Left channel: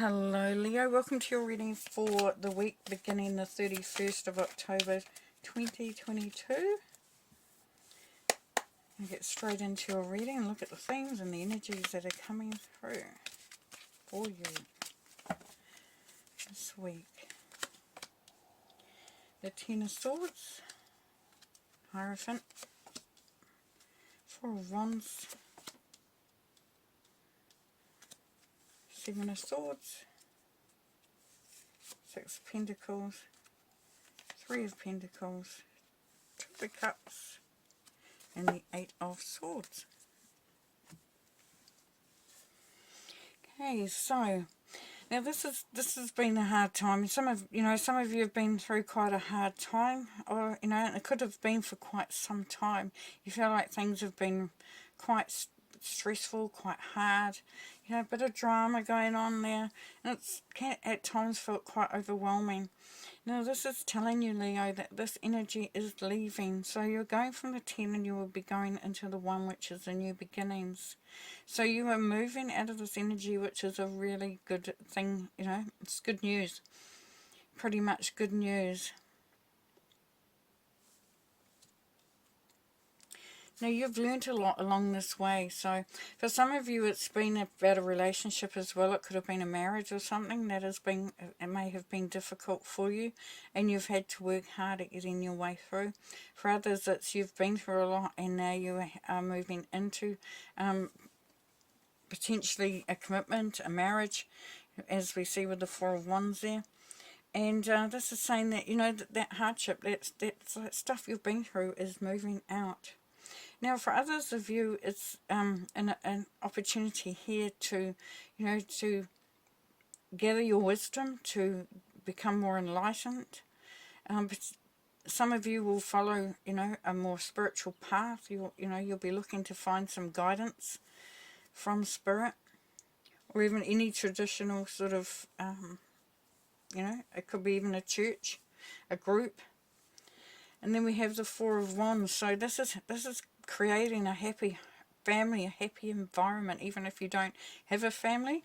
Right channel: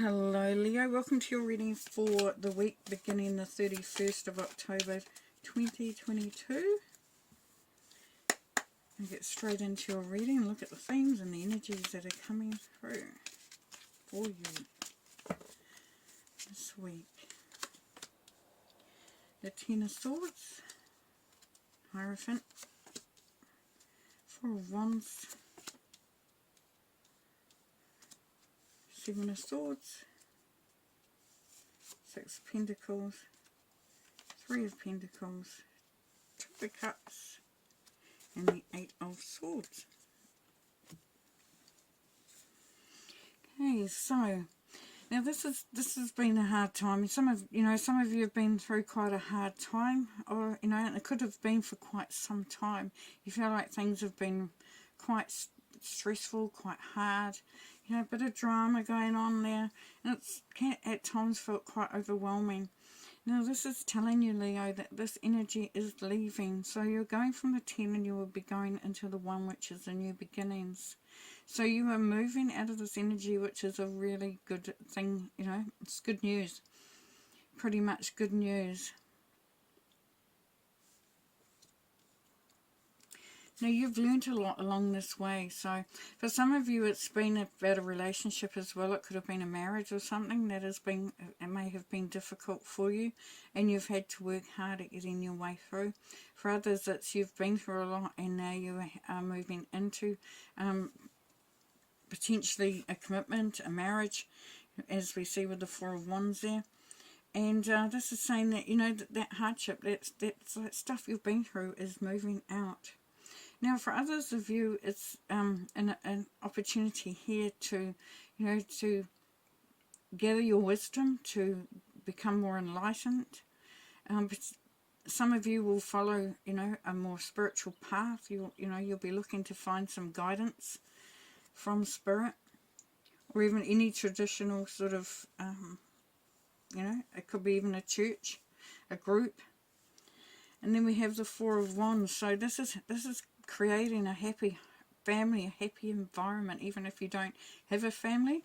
Hello Leo, welcome to your reading for the week beginning the 31st of October 2022. And get straight into your reading and look at the themes and the energies that are coming through for you this week. The Ten of Swords, Hierophant, Four of Wands, Seven of Swords, Six of Pentacles, Three of Pentacles, Two of Cups, and the Eight of Swords. Okay, so now this has been a hard time. Some of you have been through quite a hard time, or and it could have been for quite some time. You feel like things have been quite stressful, quite hard. A bit of drama going on there, and it's at times felt quite overwhelming. Now this is telling you, Leo, that this energy is leaving. So you're going from the 10 and you will be going into the 1, which is the new beginnings. So you are moving out of this energy, which is a really good thing. It's good news. Pretty much good news. Now, you've learned a lot along this way. So, for some of you, it's been about a relationship as well. It could have been a marriage or something that it may have been difficult for you, and you've had to work hard at getting your way through. For others, it's you've been through a lot, and now you are moving into potentially a commitment, a marriage, as we see with the Four of Wands there. And this is saying that, that hardship, that stuff you've been through is moving out. Now, for others of you, it's an opportunity here to, to gather your wisdom, to become more enlightened. But some of you will follow, a more spiritual path. You'll be looking to find some guidance from spirit, or even any traditional sort of, it could be even a church, a group. And then we have the Four of Wands. So this is creating a happy family, a happy environment, even if you don't have a family.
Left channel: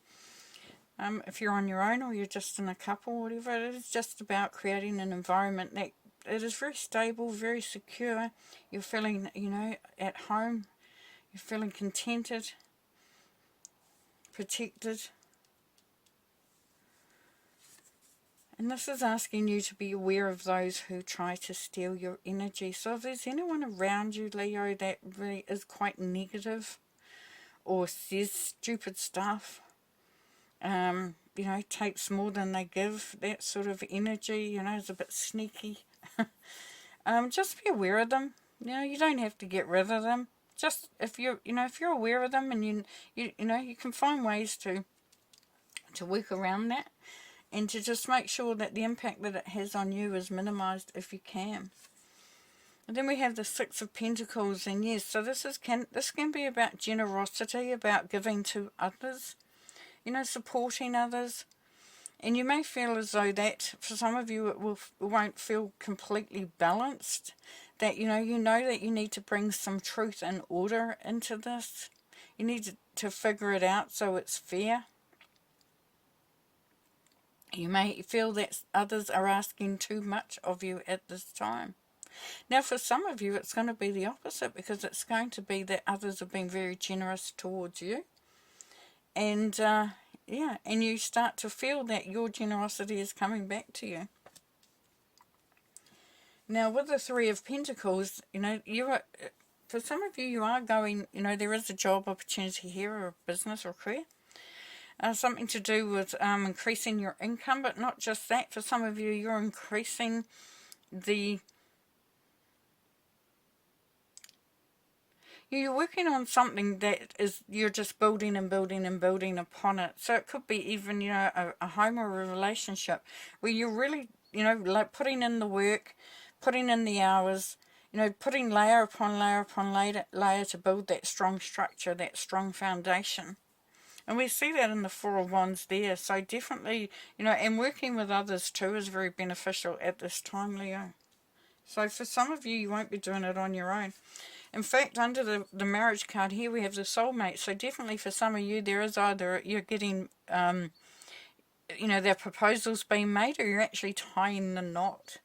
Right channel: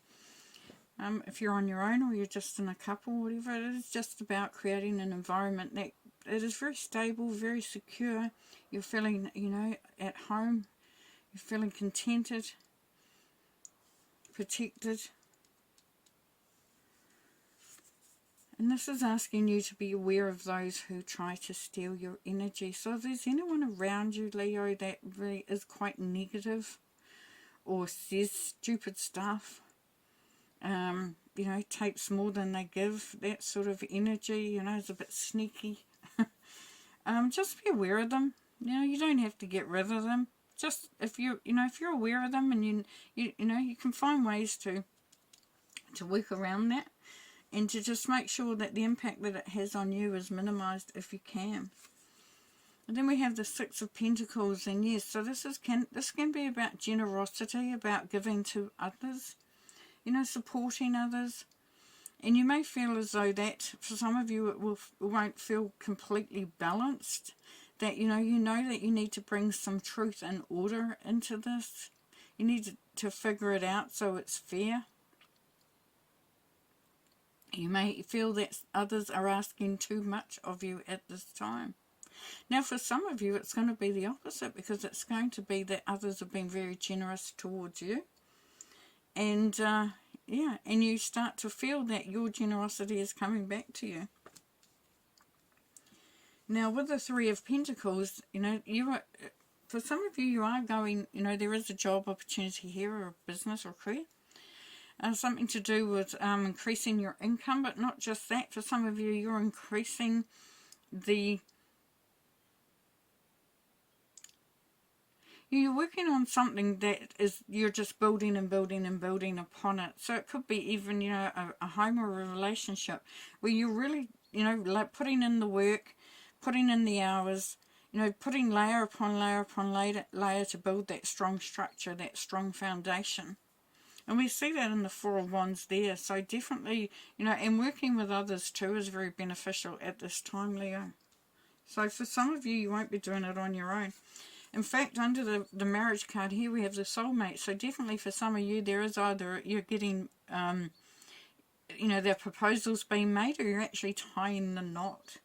If you're on your own or you're just in a couple, whatever, it is just about creating an environment that it is very stable, very secure. You're feeling, at home. You're feeling contented, protected. And this is asking you to be aware of those who try to steal your energy. So if there's anyone around you, Leo, that really is quite negative or says stupid stuff, takes more than they give, that sort of energy, is a bit sneaky. Just be aware of them. You don't have to get rid of them. Just if you're aware of them, and you can find ways to work around that. And to just make sure that the impact that it has on you is minimized if you can. And then we have the Six of Pentacles, and yes, so this can be about generosity, about giving to others, supporting others. And you may feel as though that for some of you it won't feel completely balanced. That you know that you need to bring some truth and order into this. You need to figure it out so it's fair. You may feel that others are asking too much of you at this time. Now, for some of you, it's going to be the opposite, because it's going to be that others have been very generous towards you. And, and you start to feel that your generosity is coming back to you. Now, with the Three of Pentacles, for some of you, you are going, there is a job opportunity here, or a business or career. Something to do with increasing your income, but not just that. For some of you, you're increasing you're working on something that you're just building and building and building upon it. So it could be even, a home or a relationship where you're really, like putting in the work, putting in the hours, putting layer upon layer upon layer to build that strong structure, that strong foundation. And we see that in the Four of Wands there. So definitely, and working with others too is very beneficial at this time, Leo. So for some of you, you won't be doing it on your own. In fact, under the marriage card here, we have the soulmate. So definitely for some of you, there is either you're getting you know, their proposal's being made, or you're actually tying the knot.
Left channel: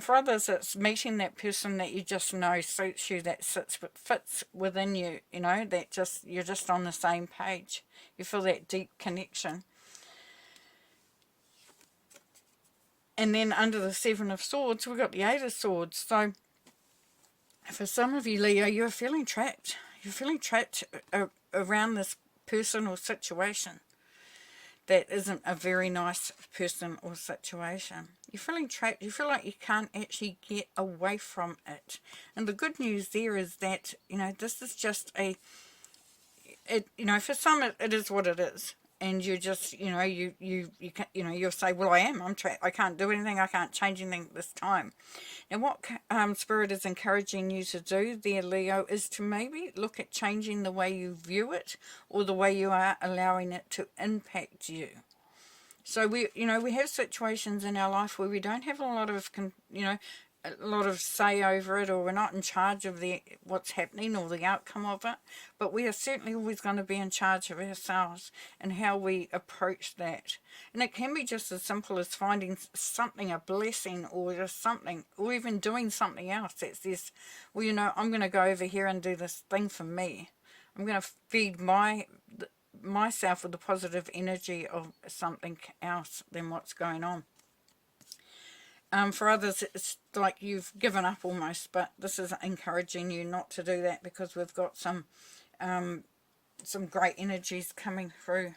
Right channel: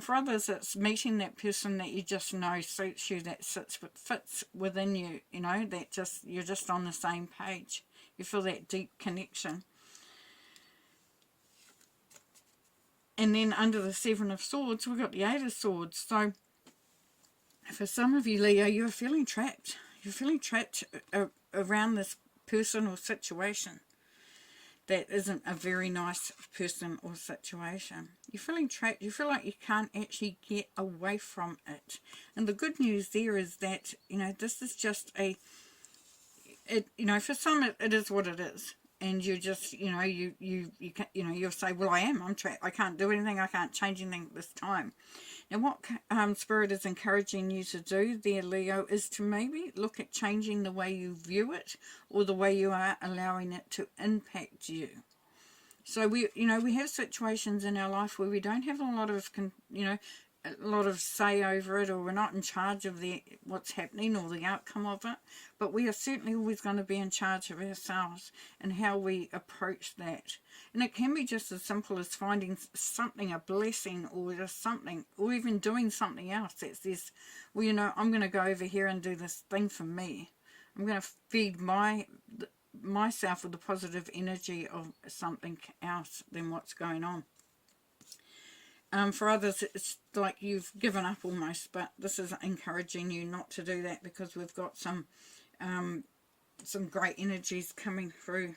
For others, it's meeting that person that you just know suits you, that fits within you, you know, that just, you're just on the same page. You feel that deep connection. And then under the Seven of Swords, we've got the Eight of Swords. So for some of you, Leo, you're feeling trapped. You're feeling trapped around this person or situation that isn't a very nice person or situation. You're feeling trapped. You feel like you can't actually get away from it. And the good news there is that, you know, this is just you know, for some it is what it is. And you just, you know, you'll say, well, I'm trapped. I can't do anything. I can't change anything this time. And what Spirit is encouraging you to do there, Leo, is to maybe look at changing the way you view it, or the way you are allowing it to impact you. So we have situations in our life where we don't have a lot of say over it, or we're not in charge of what's happening or the outcome of it, but we are certainly always going to be in charge of ourselves and how we approach that. And it can be just as simple as finding something, a blessing, or just something, or even doing something else that says, well, you know, I'm going to go over here and do this thing for me. I'm going to feed myself with the positive energy of something else than what's going on. For others, it's like you've given up almost, but this is encouraging you not to do that, because we've got some great energies coming through.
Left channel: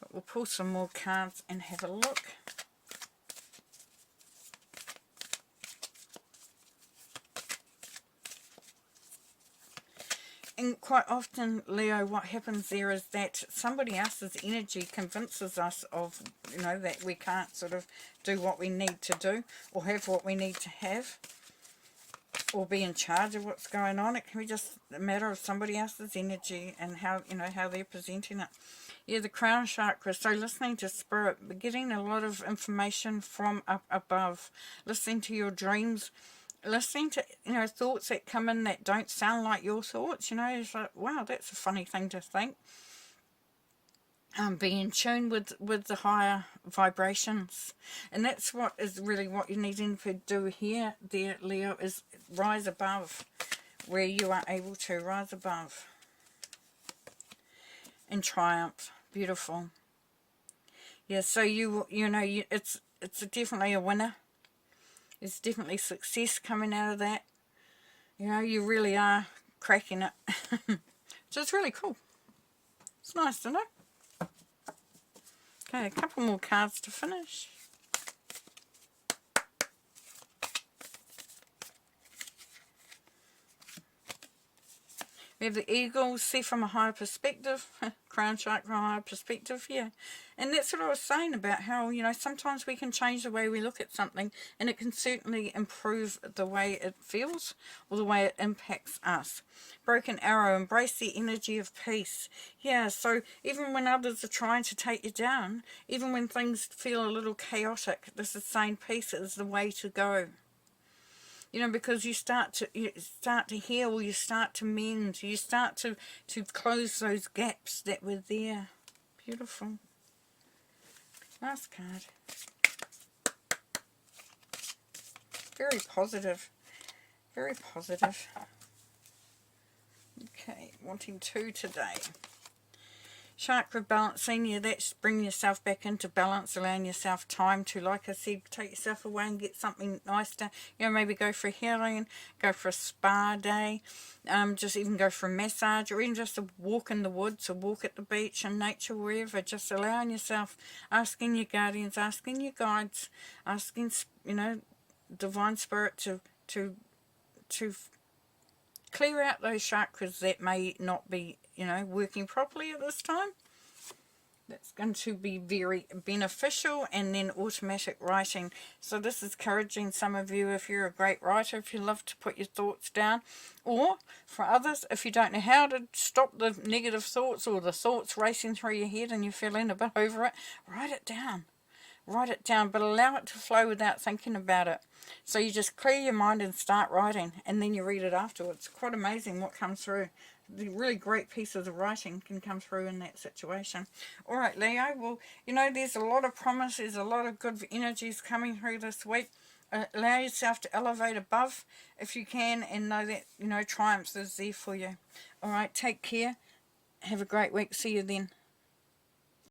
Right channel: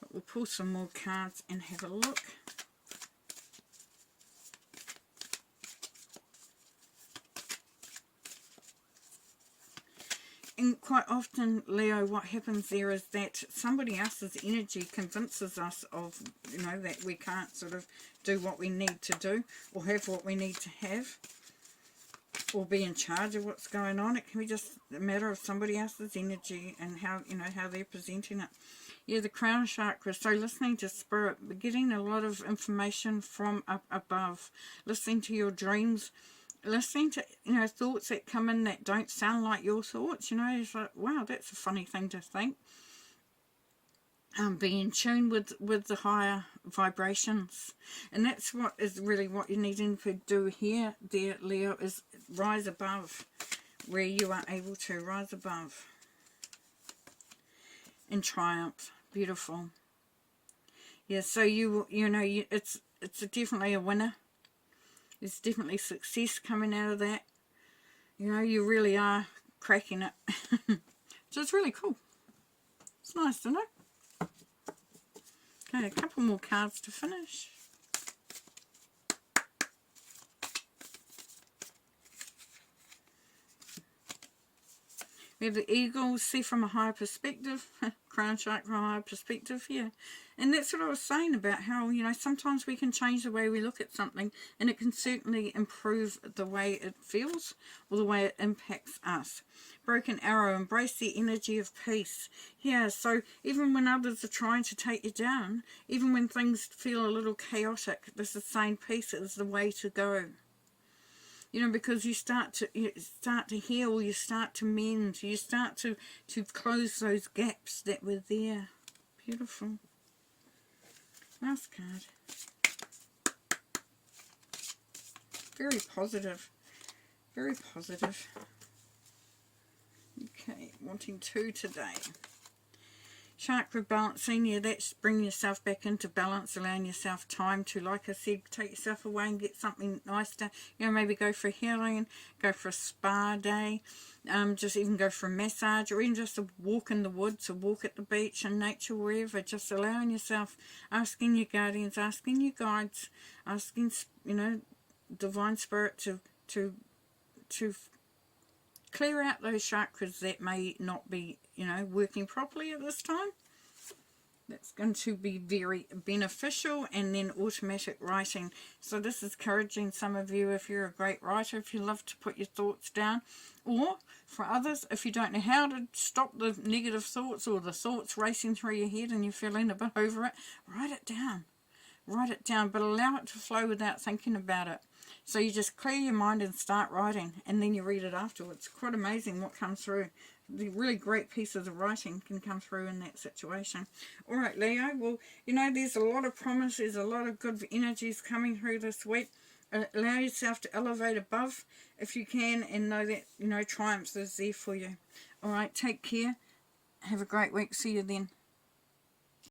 But we'll pull some more cards and have a look. And quite often, Leo, what happens there is that somebody else's energy convinces us of, you know, that we can't sort of do what we need to do, or have what we need to have, or be in charge of what's going on. It can be just a matter of somebody else's energy and how, you know, how they're presenting it. Yeah, the crown chakra. So listening to Spirit, getting a lot of information from up above, listening to your dreams, listening to, you know, thoughts that come in that don't sound like your thoughts. You know, it's like, wow, that's a funny thing to think. Be in tune with the higher vibrations, and that's what is really what you're needing to do here, there, Leo, is rise above, where you are able to rise above and triumph. Beautiful. Yeah, so it's definitely a winner. There's definitely success coming out of that. You know, you really are cracking it. So it's really cool. It's nice to know. Okay, a couple more cards to finish. We have the eagle, see from a higher perspective, crown chakra from a higher perspective, yeah. And that's what I was saying about how, you know, sometimes we can change the way we look at something, and it can certainly improve the way it feels or the way it impacts us. Broken arrow, embrace the energy of peace. Yeah, so even when others are trying to take you down, even when things feel a little chaotic, this is saying peace is the way to go. You know, because you start to heal, you start to mend, you start to close those gaps that were there. Beautiful. Last card. Very positive. Very positive. Okay, wanting 2 today. Chakra balancing, yeah, that's bringing yourself back into balance, allowing yourself time to, like I said, take yourself away and get something nice to, you know, maybe go for healing, go for a spa day, just even go for a massage, or even just a walk in the woods, a walk at the beach in nature, wherever, just allowing yourself, asking your guardians, asking your guides, asking, you know, divine spirit to clear out those chakras that may not be, you know, working properly at this time. That's going to be very beneficial. And then automatic writing. So this is encouraging some of you, if you're a great writer, if you love to put your thoughts down. Or for others, if you don't know how to stop the negative thoughts or the thoughts racing through your head and you're feeling a bit over it, write it down. Write it down, but allow it to flow without thinking about it. So you just clear your mind and start writing, and then you read it afterwards. Quite amazing what comes through. the really great pieces of writing can come through in that situation. All right, Leo. Well, you know, there's a lot of promise. There's a lot of good energies coming through this week. Allow yourself to elevate above if you can, and know that, you know, triumph is there for you. All right, take care. Have a great week. See you then.